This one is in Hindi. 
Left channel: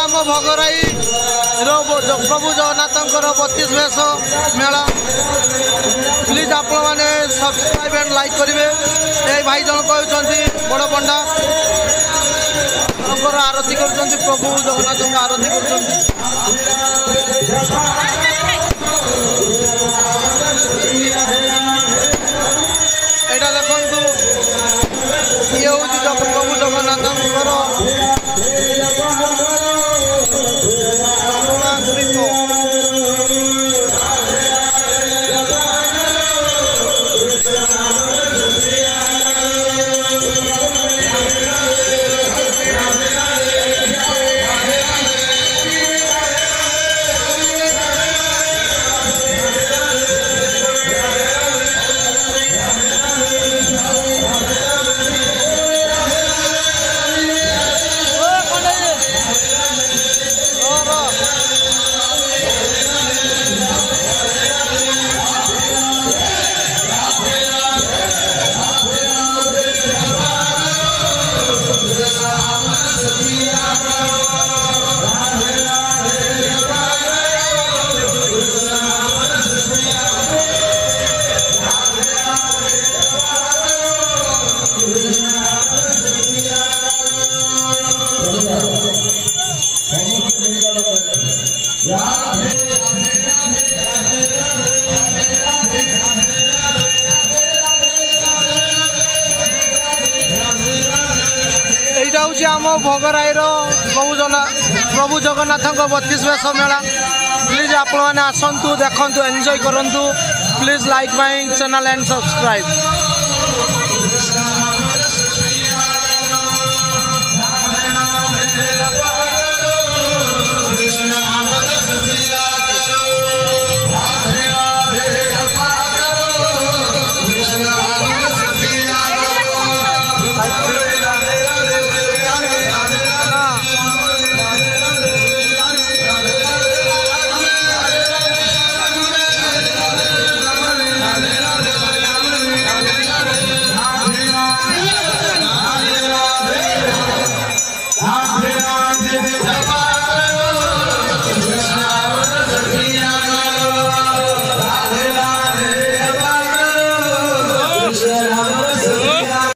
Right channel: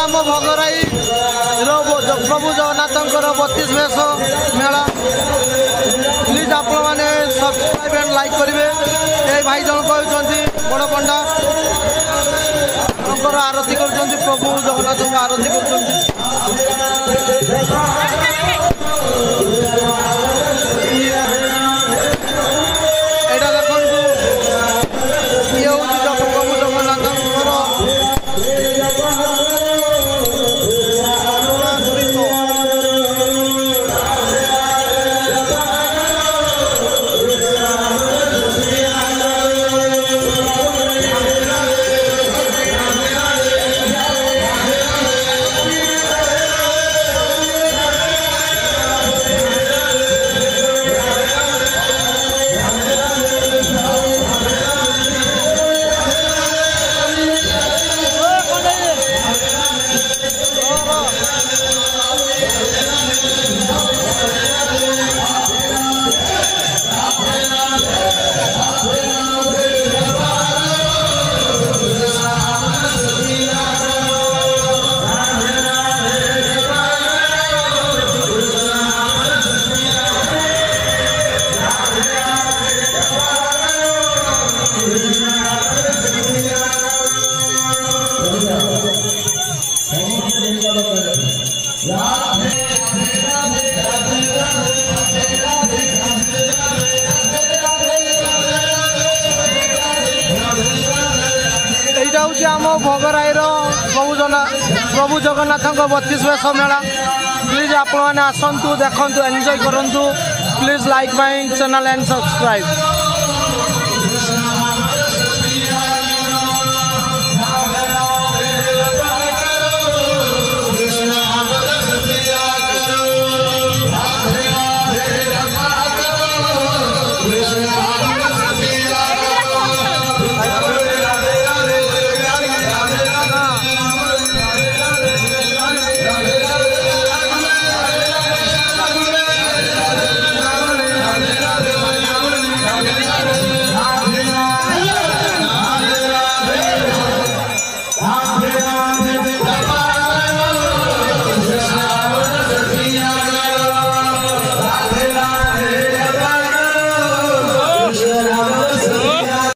आम भगराई प्रभु जगन्नाथ 32 वेश मेला प्लीज आप सब्सक्राइब एंड लाइक करेंगे। ये भाई जन कहते बड़ पंडा आरती कर प्रभु जगन्नाथ आरती कर देखु ये हूँ प्रभु जगन्नाथ এইটা হচ্ছে আম ভগরাইর প্রভু জগন্নাথ 32 वेश मेला प्लीज आप आसतु देखु एंजॉय करूँ please like my channel and subscribe. Thank you.